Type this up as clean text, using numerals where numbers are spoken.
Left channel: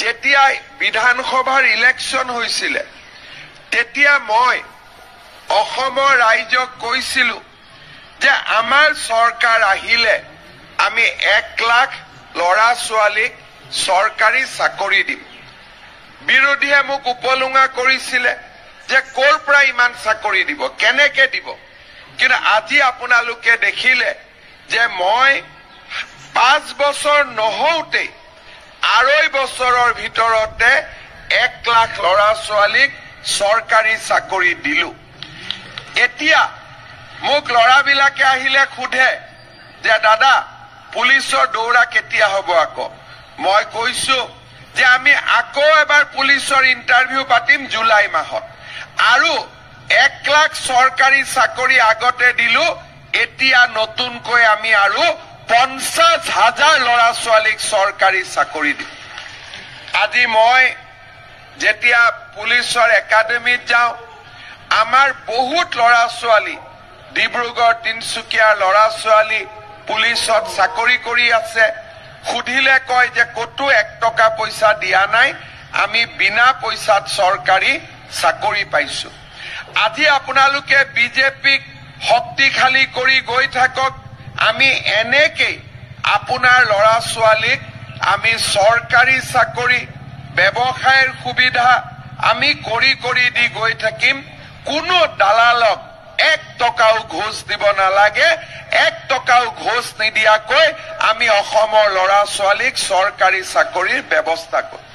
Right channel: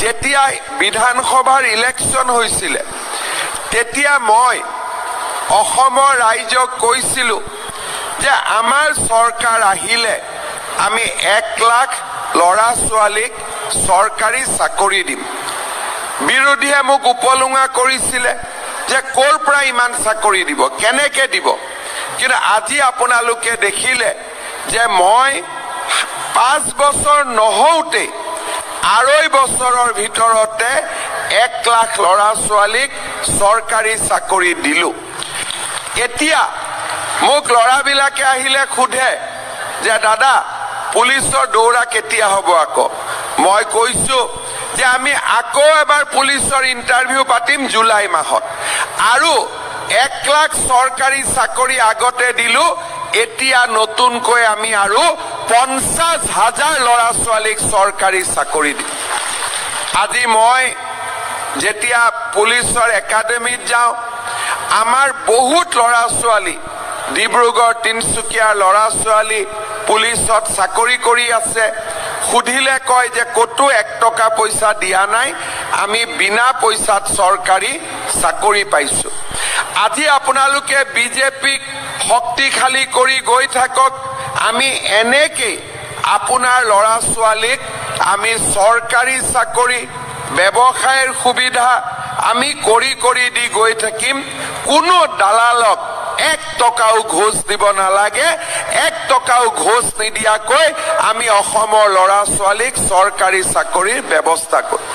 যেতিয়া বিধানসভাৰ ইলেকশ্যন হৈছিল তেতিয়া মই অসমৰ ৰাইজক কৈছিলো যে আমাৰ চৰকাৰ আহিলে আমি 1 লাখ লৰা ছোৱালীক চৰকাৰী চাকৰি দিম বিৰোধীয়ে মোক উপলুঙা কৰিছিলে যে কোৰ পৰা ইমান চাকৰি দিব কেনেকে দিব কিন্তু আজি আপোনালোকে দেখিলে যে মই 5 বছৰ নহওঁতে 2.5 বছৰৰ ভিতৰতে 1 লাখ লৰা ছোৱালীক চৰকাৰী চাকৰি দিলো এতিয়া মোক লৰাবিলাকে আহিলে খুধে যে দাদা পুলিচৰ দৌৰা কেতিয়া হ'ব আকৌ মই কৈছো যে আমি আকৌ এবাৰ পুলিচৰ ইন্টাৰভিউ পাতিম জুলাই মাহত আৰু 1 লাখ চৰকাৰী চাকৰি আগতে দিলো এতিয়া নতুনকৈ আমি আৰু 50,000 লৰা ছোৱালীক চৰকাৰী চাকৰি দিম আজি মই যেতিয়া পুলিচৰ একাডেমীত যাওঁ আমাৰ বহুত লৰা ছোৱালী ডিব্ৰুগড় তিনসুকীয়াৰ লৰা ছোৱালী পুলিচত চাকৰি কৰি আছে খুধিলে কয় যে কতো 1 টকা পইচা দিয়া নাই আমি বিনা পইচাত চৰকাৰী চাকৰি পাইছো আজি আপোনালোকে বিজেপিক শক্তিশালী কৰি গৈ থাকক আমি এনেকে আপোনাৰ লৰা ছোৱালীক আমি চৰকাৰী চাকৰি ব্যৱসায়ৰ সুবিধা আমি কৰি দি গৈ থাকিম কোনো দালালক 1 টকাও ঘোষ দিব নালাগে 1 টকাও ঘোষ নিদিয়াকৈ আমি অসমৰ লৰা ছোৱালীক চৰকাৰী চাকৰিৰ ব্যৱস্থা কৰিম